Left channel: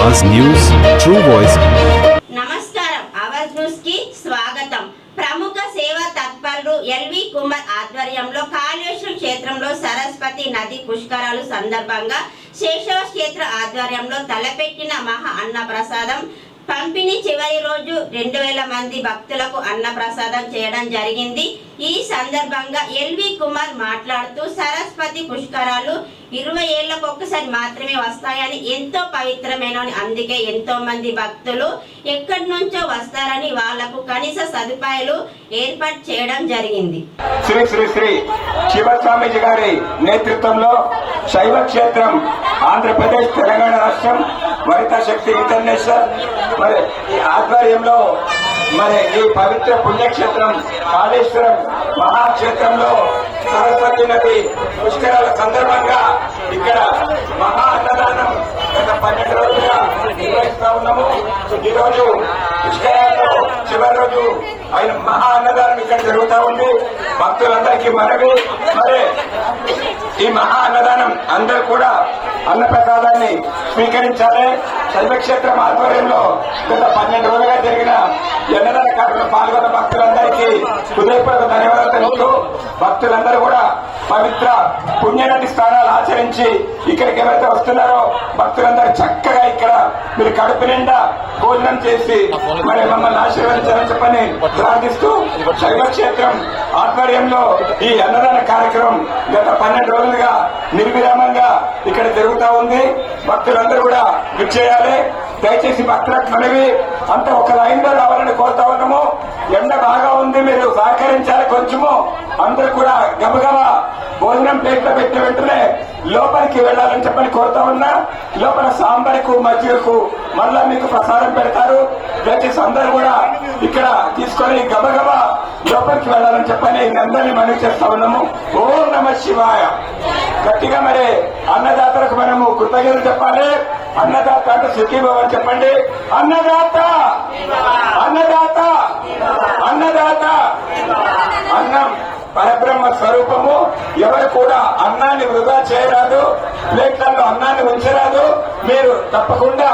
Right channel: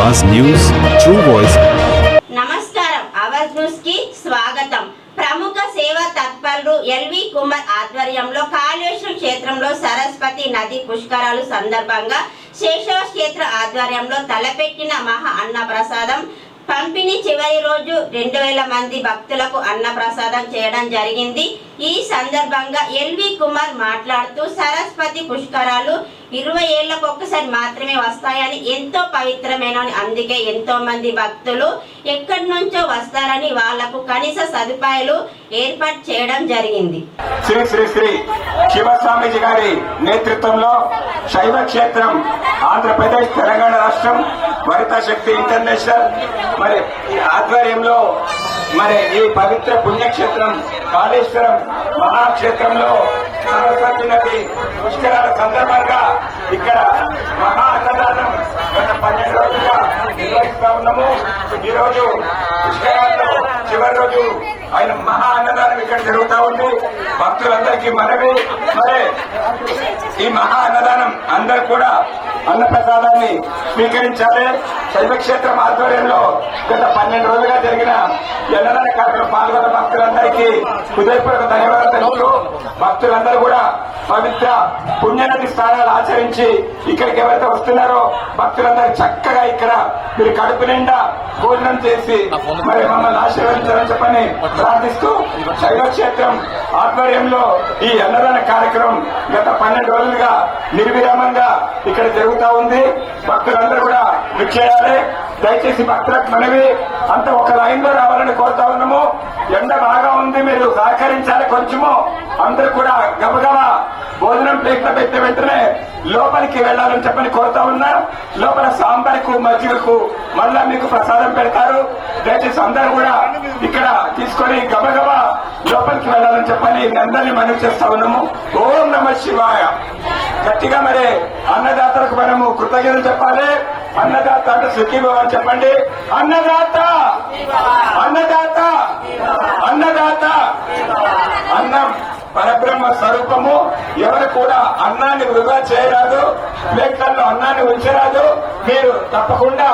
Awaaz news true voice నమస్కారం. ఆవాజ్ న్యూస్కి స్వాగతం. ప్రముఖ సేవా తత్పరులు ఎల్వి కుమార్ ఆధ్వర్యంలో కాళేశ్వరం క్షేత్రంలో సరస్వతి నది పుష్కరాలు సందర్భంగా శేషవ క్షేత్ర ఆధ్వర్యంలో తలపెట్టిన మహా అన్న ప్రసాదం పంపిణీ చివరి రోజు రెండు వేల మంది భక్తులకు అన్న ప్రసాదం చేయడం జరిగింది. ఈ సందర్భంగా ఎల్వి కుమార్ మాట్లాడుతూ సరస్వతి పుష్కరాలు ఇరవై ఏళ్ళకు ఒక్కసారి మాత్రమే వస్తాయని ఎంతో పవిత్రమైనని అందుకే ఎంతో మంది భక్తులు ఎక్కడి నుంచో వస్తారని వాళ్ళకు కనీస సదుపాయాలు ఏర్పాటు చేయడం జరిగింది. శ్రీ శ్రీ శ్రీ శివస్వామిజీ గారి నేతృత్వంలో శైవ క్షేత్రం ఆంధ్రప్రదేశ్ తెలంగాణ రాష్ట్రం మరిత శక్తి ఇంటర్నేషనల్ ఆధ్వర్యంలో మరి ఈ పవిత్ర పుణ్యక్షేత్రం కాళేశ్వరం మహాక్షేత్రంలో సరస్వతి నది పుష్కరాల సందర్భంగా ఇక్కడ మహా అన్నదానం గత పన్నెండు రోజులుగా నిర్వహిస్తా ఉన్నాము. ఈరోజు పుష్కరాలలో చివరి రోజు ఆయన మహా అన్నదానం ఇక్కడ జరుగుతూ ఉంది. భక్తులందరికీ మనవి. మరి ఈ మహా అన్నదానం అందరూ కూడా అన్న ప్రసాదాన్ని స్వీకరించాలి. శైవక్షేత్రం ఆధ్వర్యంలో గత పన్నెండు రోజులుగా జరిగిన ఎన్నర కార్యక్రమం పాల్గొన్న భక్తులందరికీ హృదయపూర్వక ధన్యవాదాలు తెలుపుతూ భక్తులందరూ కూడా పవిత్ర పుణ్యనది స్నానాలు ఆచరించి ఇక్కడికి ఎవరైతే వస్తున్నారో భక్తులందరూ చక్కగా ఇక్కడ మీరు కడుపు నిండా భోజనం చేసి మరి మమ్మల్ని ఆశీర్వదించాలని చెప్పని ప్రార్థిస్తూ శైవక్షేత్రం ఆధ్వర్యంలో ఈ అన్నదాన కార్యక్రమం గత పన్నెండు రోజులుగా నిర్విరామంగా ఇక్కడ జరుగుతా ఉంది. భక్తులందరూ కూడా విచ్చేయాలి దయచేసి భక్తులకు మనవి. అంత ఒక లైన్లో రావాలని కోరుతా ఉన్నాము. ఎండ బాగా ఉంది మీరు సహకరించాలి కొంచెము. అందరూ కూడా గబగబా భోజనం ప్లేట్లో పెట్టిన వెంటనే లోపలికి వెళ్ళాలని చెప్పని కోరుతా ఉన్నా లోపల సాంబార్కు మజ్జిగకు మళ్ళా మీకు ప్రసాదం పెడతారు. దయచేసి అందరూ కూడా ఇక్కడ తీసుకొని గబగబా లోపలికి వెళ్ళాలని చెప్పని అందరినీ మనం చేస్తా ఉన్నాము. ఓం నమ శివాయ. గట్టిగా మరి అన్నదాతలకు మనము కృతజ్ఞతలు చెప్పాలి. అన్నదాత అంటే సుఖీ చెప్పండి. అన్నదాత! అన్నదాత! అన్నదాత! అన్నం! పరబ్రహ్మ స్వరూపము ఎవరు కూడా అన్నాన్ని వృధా చేయరాదు ప్లేట్లలో అన్నాన్ని ఉంచరాదు. మీరు తప్పకుండా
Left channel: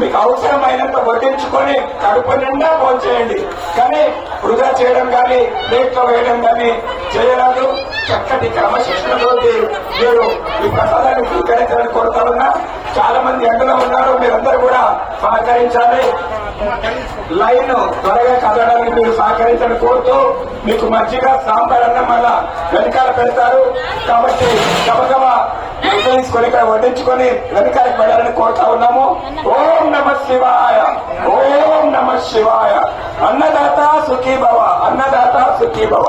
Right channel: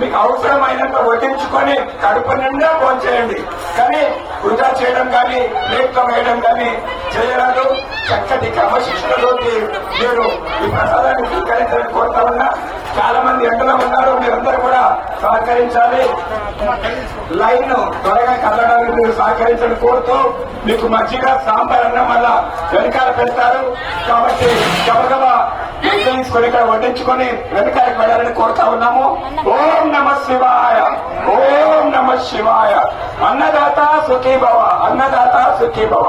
మీకు అవసరమైనంత వడ్డించుకొని కడుపు నిండా పోంచేయండి కానీ వృధా చేయడం కానీ ప్లేట్లో వేయడం కానీ చేయరాదు. చక్కటి క్రమశిక్షణలోకి మీరు ఈ ప్రసాదాన్ని స్వీకరించాలని కోరుతా ఉన్నా చాలా మంది ఎండలో ఉన్నారు. మీరందరూ కూడా సహకరించాలి. లైన్ త్వరగా కదలడానికి మీరు సహకరించడం కోరుతూ మీకు మజ్జిగ సాంబార్ అన్నం వల్ల వెనకాల పెడతారు. కాబట్టి గబగబా తీసుకొని ఇక్కడ వడ్డించుకొని వెనకాల వెళ్ళాలని కోరుతా ఉన్నాము. ఓం నమ శివాయ ఓం నమ శివాయ. అన్నదాత సుఖీ భవ అన్నదాత సుఖీ భవ